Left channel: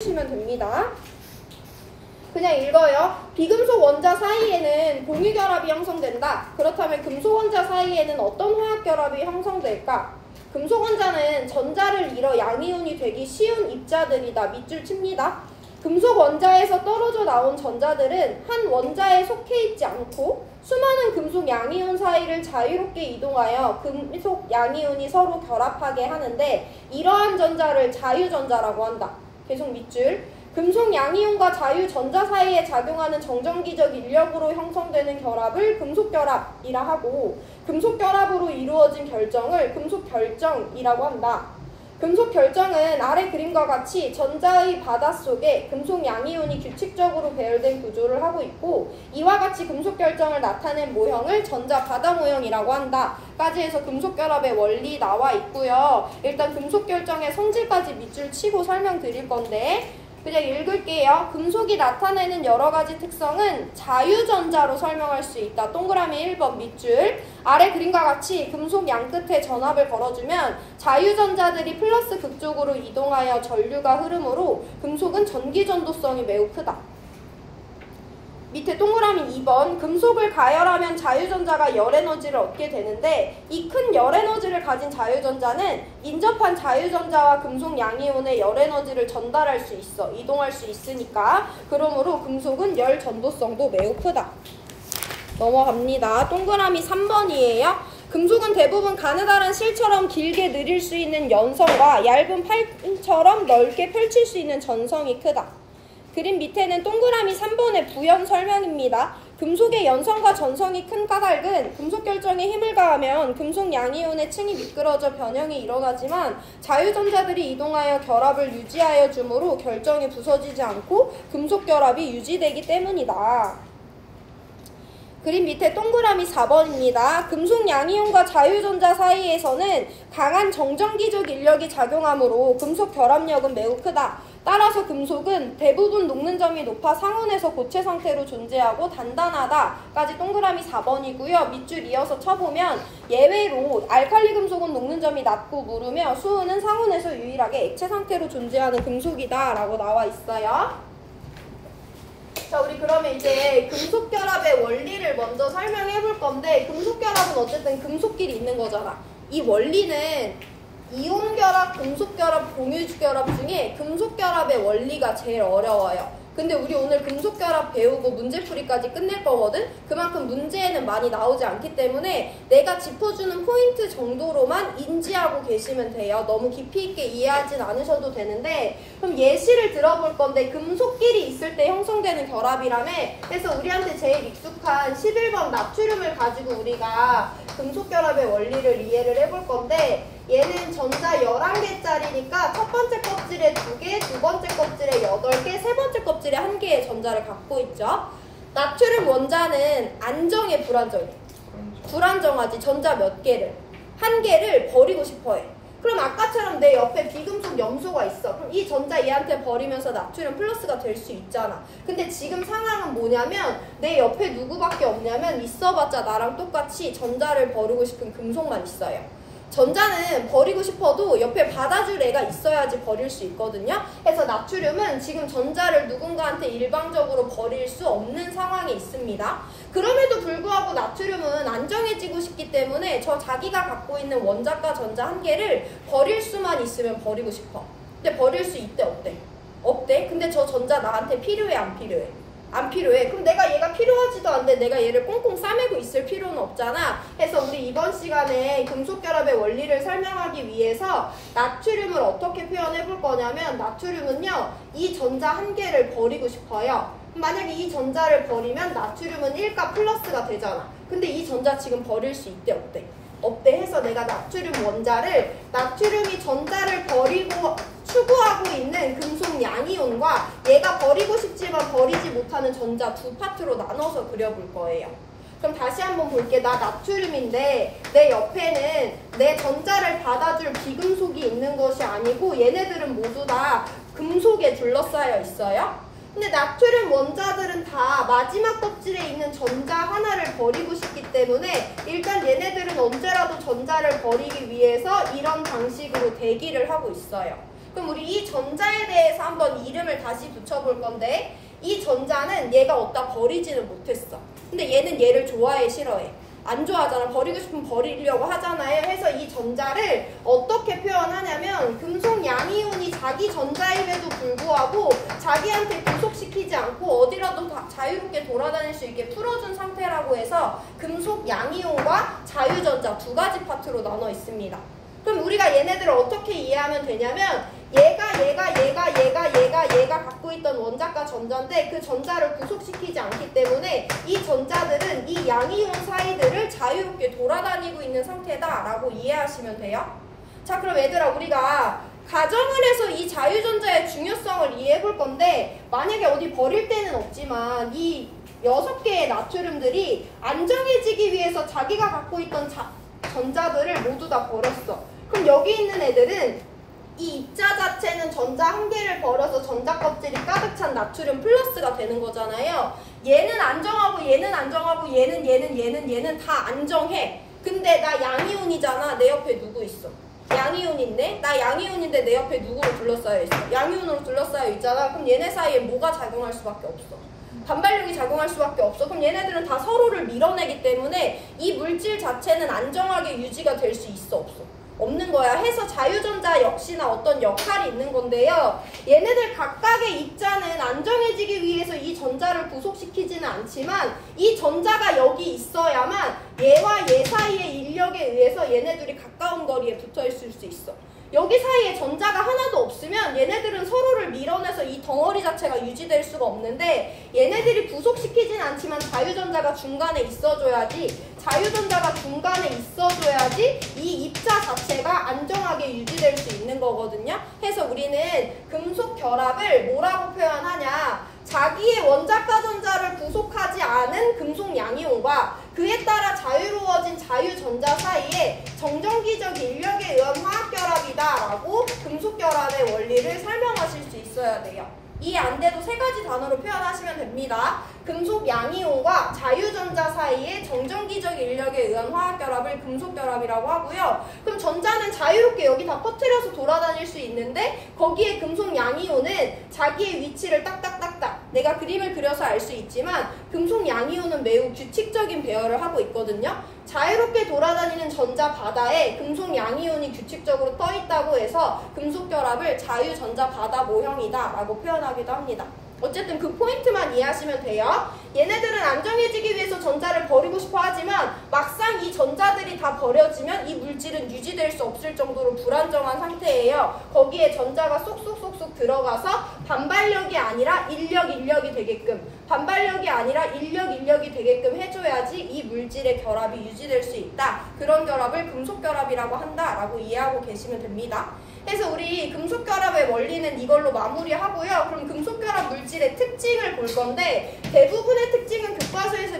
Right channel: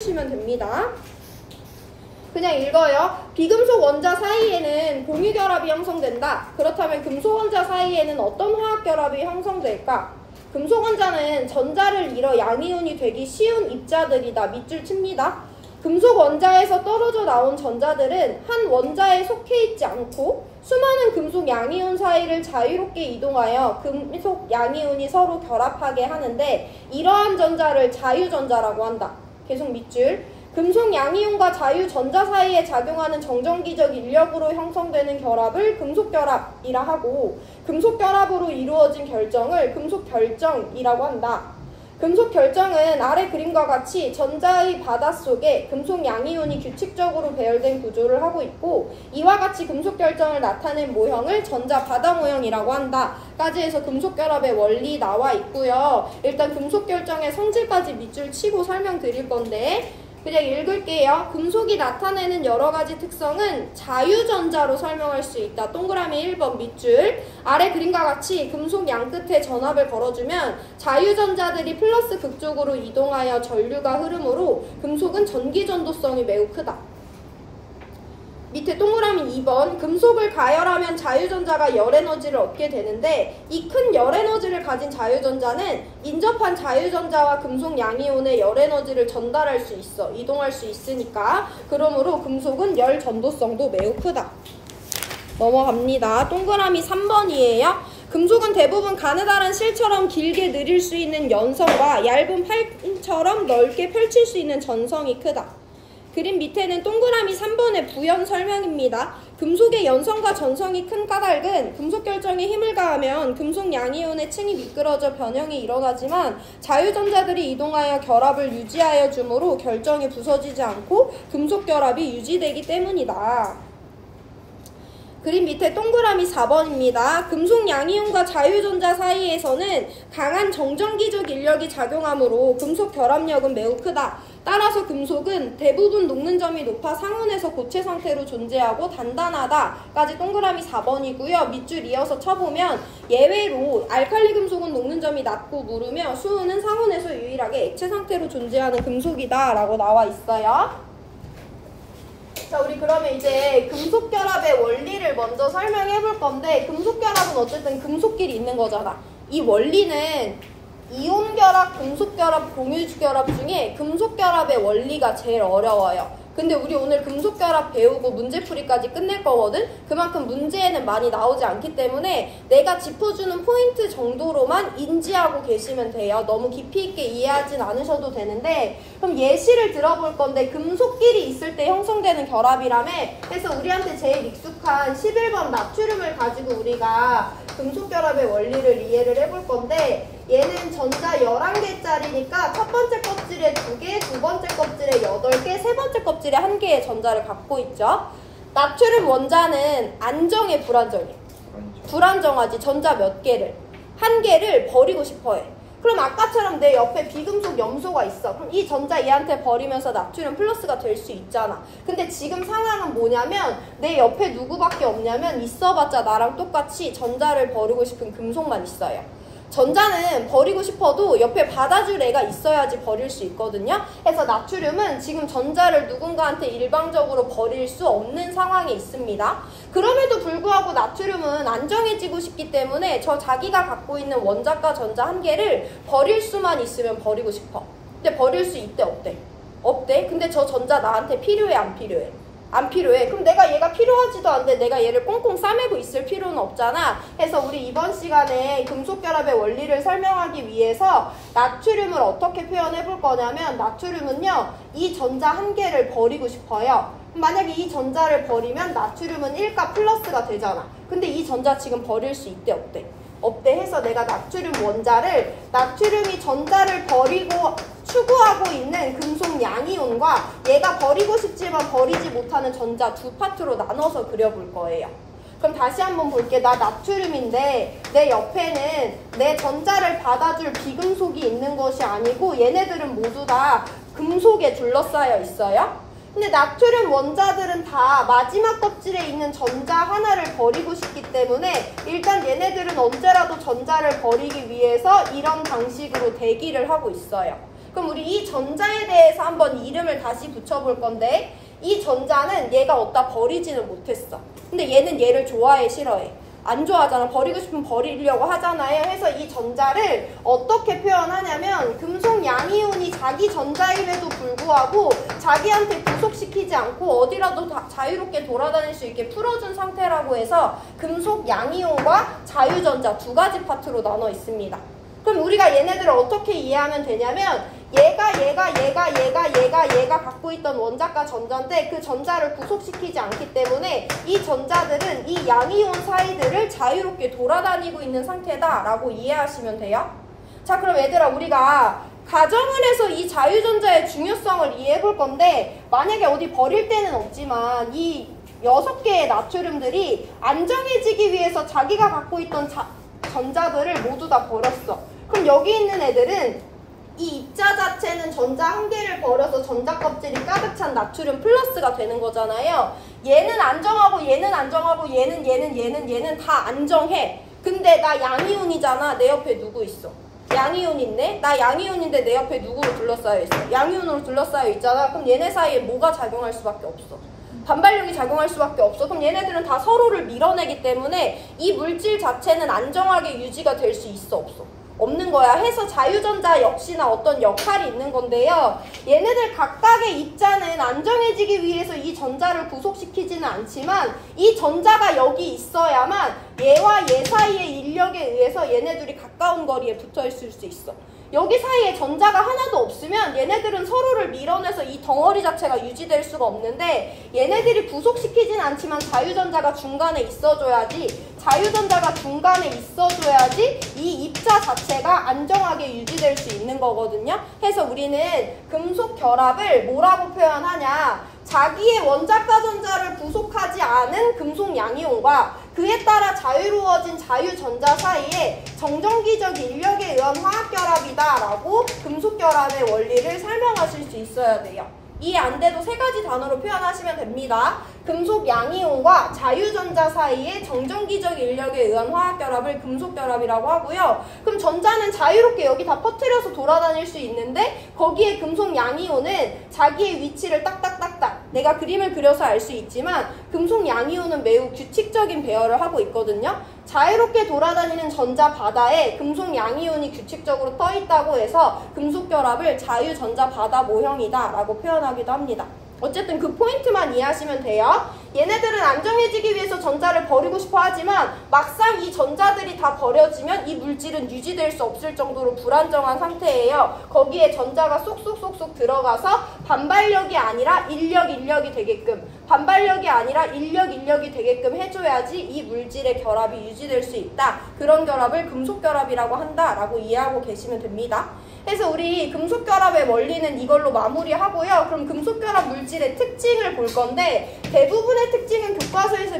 시면 됩니다. 그냥 읽어요. 비금속 원자 사이에는 공유결합이 형성된다. 그렇다면 금속 원자 사이에는 어떤 화학결합이 형성될까? 금속 원자는 전자를 잃어 양이온이 되기 쉬운 입자들이다. 밑줄 칩니다. 금속 원자에서 떨어져 나온 전자들은 한 원자에 속해 있지 않고 수많은 금속 양이온 사이를 자유롭게 이동하여 금속 양이온이 서로 결합하게 하는데 이러한 전자를 자유전자라고 한다. 계속 밑줄. 금속 양이온과 자유전자 사이에 작용하는 정전기적 인력으로 형성되는 결합을 금속결합이라 하고 금속결합으로 이루어진 결정을 금속결정이라고 한다. 금속결정은 아래 그림과 같이 전자의 바닷속에 금속 양이온이 규칙적으로 배열된 구조를 하고 있고 이와 같이 금속결정을 나타낸 모형을 전자바다 모형이라고 한다. 까지 해서 금속결합의 원리 나와 있고요. 일단 금속결정의 성질까지 밑줄 치고 설명드릴 건데 그냥 읽을게요. 금속이 나타내는 여러가지 특성은 자유전자로 설명할 수 있다. 동그라미 1번 밑줄. 아래 그림과 같이 금속 양끝에 전압을 걸어주면 자유전자들이 플러스 극쪽으로 이동하여 전류가 흐르므로 금속은 전기전도성이 매우 크다. 밑에 동그라미 2번. 금속을 가열하면 자유전자가 열에너지를 얻게 되는데 이 큰 열에너지를 가진 자유전자는 인접한 자유전자와 금속 양이온의 열에너지를 전달할 수 있어. 이동할 수 있으니까. 그러므로 금속은 열 전도성도 매우 크다. 넘어갑니다. 동그라미 3번이에요. 금속은 대부분 가느다란 실처럼 길게 늘릴 수 있는 연성과 얇은 팔처럼 넓게 펼칠 수 있는 전성이 크다. 그림 밑에는 동그라미 3번의 부연 설명입니다. 금속의 연성과 전성이 큰 까닭은 금속 결정에 힘을 가하면 금속 양이온의 층이 미끄러져 변형이 일어나지만 자유전자들이 이동하여 결합을 유지하여 주므로 결정이 부서지지 않고 금속 결합이 유지되기 때문이다. 그림 밑에 동그라미 4번입니다. 금속 양이온과 자유전자 사이에서는 강한 정전기적 인력이 작용하므로 금속 결합력은 매우 크다. 따라서 금속은 대부분 녹는 점이 높아 상온에서 고체 상태로 존재하고 단단하다. 까지 동그라미 4번이고요. 밑줄 이어서 쳐보면 예외로 알칼리 금속은 녹는 점이 낮고 무르며 수은은 상온에서 유일하게 액체 상태로 존재하는 금속이다. 라고 나와 있어요. 자, 우리 그러면 이제 금속결합의 원리를 먼저 설명해 볼 건데 금속결합은 어쨌든 금속끼리 있는 거잖아. 이 원리는 이온결합, 금속결합, 공유결합 중에 금속결합의 원리가 제일 어려워요. 근데 우리 오늘 금속결합 배우고 문제풀이까지 끝낼 거거든? 그만큼 문제에는 많이 나오지 않기 때문에 내가 짚어주는 포인트 정도로만 인지하고 계시면 돼요. 너무 깊이 있게 이해하진 않으셔도 되는데 그럼 예시를 들어볼 건데 금속끼리 있을 때 형성되는 결합이라며 그래서 우리한테 제일 익숙한 11번 나트륨을 가지고 우리가 금속결합의 원리를 이해를 해볼 건데 얘는 전자 11개짜리니까 첫 번째 껍질에 2개, 두 번째 껍질에 8개, 세 번째 껍질에 1개의 전자를 갖고 있죠. 나트륨 원자는 안정해, 불안정해? 불안정하지. 전자 몇 개를? 1개를 버리고 싶어 해. 그럼 아까처럼 내 옆에 비금속 염소가 있어. 그럼 이 전자 얘한테 버리면서 나트륨 플러스가 될 수 있잖아. 근데 지금 상황은 뭐냐면 내 옆에 누구밖에 없냐면 있어봤자 나랑 똑같이 전자를 버리고 싶은 금속만 있어요. 전자는 버리고 싶어도 옆에 받아줄 애가 있어야지 버릴 수 있거든요. 그래서 나트륨은 지금 전자를 누군가한테 일방적으로 버릴 수 없는 상황에 있습니다. 그럼에도 불구하고 나트륨은 안정해지고 싶기 때문에 저 자기가 갖고 있는 원자과 전자 1개를 버릴 수만 있으면 버리고 싶어. 근데 버릴 수 있대, 없대? 없대? 근데 저 전자 나한테 필요해, 안 필요해? 안 필요해. 그럼 내가 얘가 필요하지도 않은데 내가 얘를 꽁꽁 싸매고 있을 필요는 없잖아. 그래서 우리 이번 시간에 금속결합의 원리를 설명하기 위해서 나트륨을 어떻게 표현해 볼 거냐면 나트륨은요 이 전자 1개를 버리고 싶어요. 만약에 이 전자를 버리면 나트륨은 1가 플러스가 되잖아. 근데 이 전자 지금 버릴 수 있대, 없대? 없대. 해서 내가 나트륨 원자를 나트륨이 전자를 버리고 추구하고 있는 금속 양이온과 얘가 버리고 싶지만 버리지 못하는 전자 두 파트로 나눠서 그려볼 거예요. 그럼 다시 한번 볼게. 나 나트륨인데 내 옆에는 내 전자를 받아줄 비금속이 있는 것이 아니고 얘네들은 모두 다 금속에 둘러싸여 있어요. 근데 나트륨 원자들은 다 마지막 껍질에 있는 전자 하나를 버리고 싶기 때문에 일단 얘네들은 언제라도 전자를 버리기 위해서 이런 방식으로 대기를 하고 있어요. 그럼 우리 이 전자에 대해서 한번 이름을 다시 붙여볼 건데 이 전자는 얘가 어디다 버리지는 못했어. 근데 얘는 얘를 좋아해, 싫어해? 안 좋아하잖아. 버리고 싶으면 버리려고 하잖아요. 해서 이 전자를 어떻게 표현하냐면 금속 양이온이 자기 전자임에도 불구하고 자기한테 구속시키지 않고 어디라도 자유롭게 돌아다닐 수 있게 풀어준 상태라고 해서 금속 양이온과 자유전자 두 가지 파트로 나눠 있습니다. 그럼 우리가 얘네들을 어떻게 이해하면 되냐면 얘가 갖고 있던 원자과 전자인데 그 전자를 구속시키지 않기 때문에 이 전자들은 이 양이온 사이들을 자유롭게 돌아다니고 있는 상태다라고 이해하시면 돼요. 자, 그럼 얘들아 우리가 가정을 해서 이 자유전자의 중요성을 이해해 볼 건데 만약에 어디 버릴 데는 없지만 이 6개의 나트륨들이 안정해지기 위해서 자기가 갖고 있던 전자들을 모두 다 버렸어. 그럼 여기 있는 애들은 이 입자 자체는 전자 한 개를 버려서 전자 껍질이 가득 찬 나트륨 플러스가 되는 거잖아요. 얘는 안정하고 얘는 안정하고 얘는 다 안정해. 근데 나 양이온이잖아. 내 옆에 누구 있어? 양이온인데? 나 양이온인데 내 옆에 누구로 둘러싸여 있어? 양이온으로 둘러싸여 있잖아. 그럼 얘네 사이에 뭐가 작용할 수밖에 없어? 반발력이 작용할 수밖에 없어. 그럼 얘네들은 다 서로를 밀어내기 때문에 이 물질 자체는 안정하게 유지가 될 수 있어, 없어? 없는 거야. 해서 자유전자 역시나 어떤 역할이 있는 건데요. 얘네들 각각의 입자는 안정해지기 위해서 이 전자를 구속시키지는 않지만 이 전자가 여기 있어야만 얘와 얘 사이의 인력에 의해서 얘네들이 가까운 거리에 붙어 있을 수 있어. 여기 사이에 전자가 하나도 없으면 얘네들은 서로를 밀어내서 이 덩어리 자체가 유지될 수가 없는데 얘네들이 구속시키진 않지만 자유전자가 중간에 있어줘야지 이 입자 자체가 안정하게 유지될 수 있는 거거든요. 그래서 우리는 금속 결합을 뭐라고 표현하냐? 자기의 원자과 전자를 구속하지 않은 금속 양이온과 그에 따라 자유로워진 자유전자 사이에 정전기적 인력에 의한 화학결합이다라고 금속결합의 원리를 설명하실 수 있어야 돼요. 이해 안 돼도 세 가지 단어로 표현하시면 됩니다. 금속 양이온과 자유전자 사이의 정전기적 인력에 의한 화학결합을 금속결합이라고 하고요. 그럼 전자는 자유롭게 여기 다 퍼뜨려서 돌아다닐 수 있는데 거기에 금속 양이온은 자기의 위치를 딱딱딱딱 내가 그림을 그려서 알 수 있지만 금속 양이온은 매우 규칙적인 배열을 하고 있거든요. 자유롭게 돌아다니는 전자 바다에 금속 양이온이 규칙적으로 떠 있다고 해서 금속결합을 자유전자 바다 모형이다 라고 표현하기도 합니다. 어쨌든 그 포인트만 이해하시면 돼요. 얘네들은 안정해지기 위해서 전자를 버리고 싶어 하지만 막상 이 전자들이 다 버려지면 이 물질은 유지될 수 없을 정도로 불안정한 상태예요. 거기에 전자가 쏙쏙쏙쏙 들어가서 반발력이 아니라 인력이 되게끔 인력이 되게끔 해줘야지 이 물질의 결합이 유지될 수 있다. 그런 결합을 금속결합이라고 한다라고 이해하고 계시면 됩니다. 그래서 우리 금속결합의 원리는 이걸로 마무리하고요. 그럼 금속결합 물질의 특징을 볼 건데 대부분의 특징은 교과서에서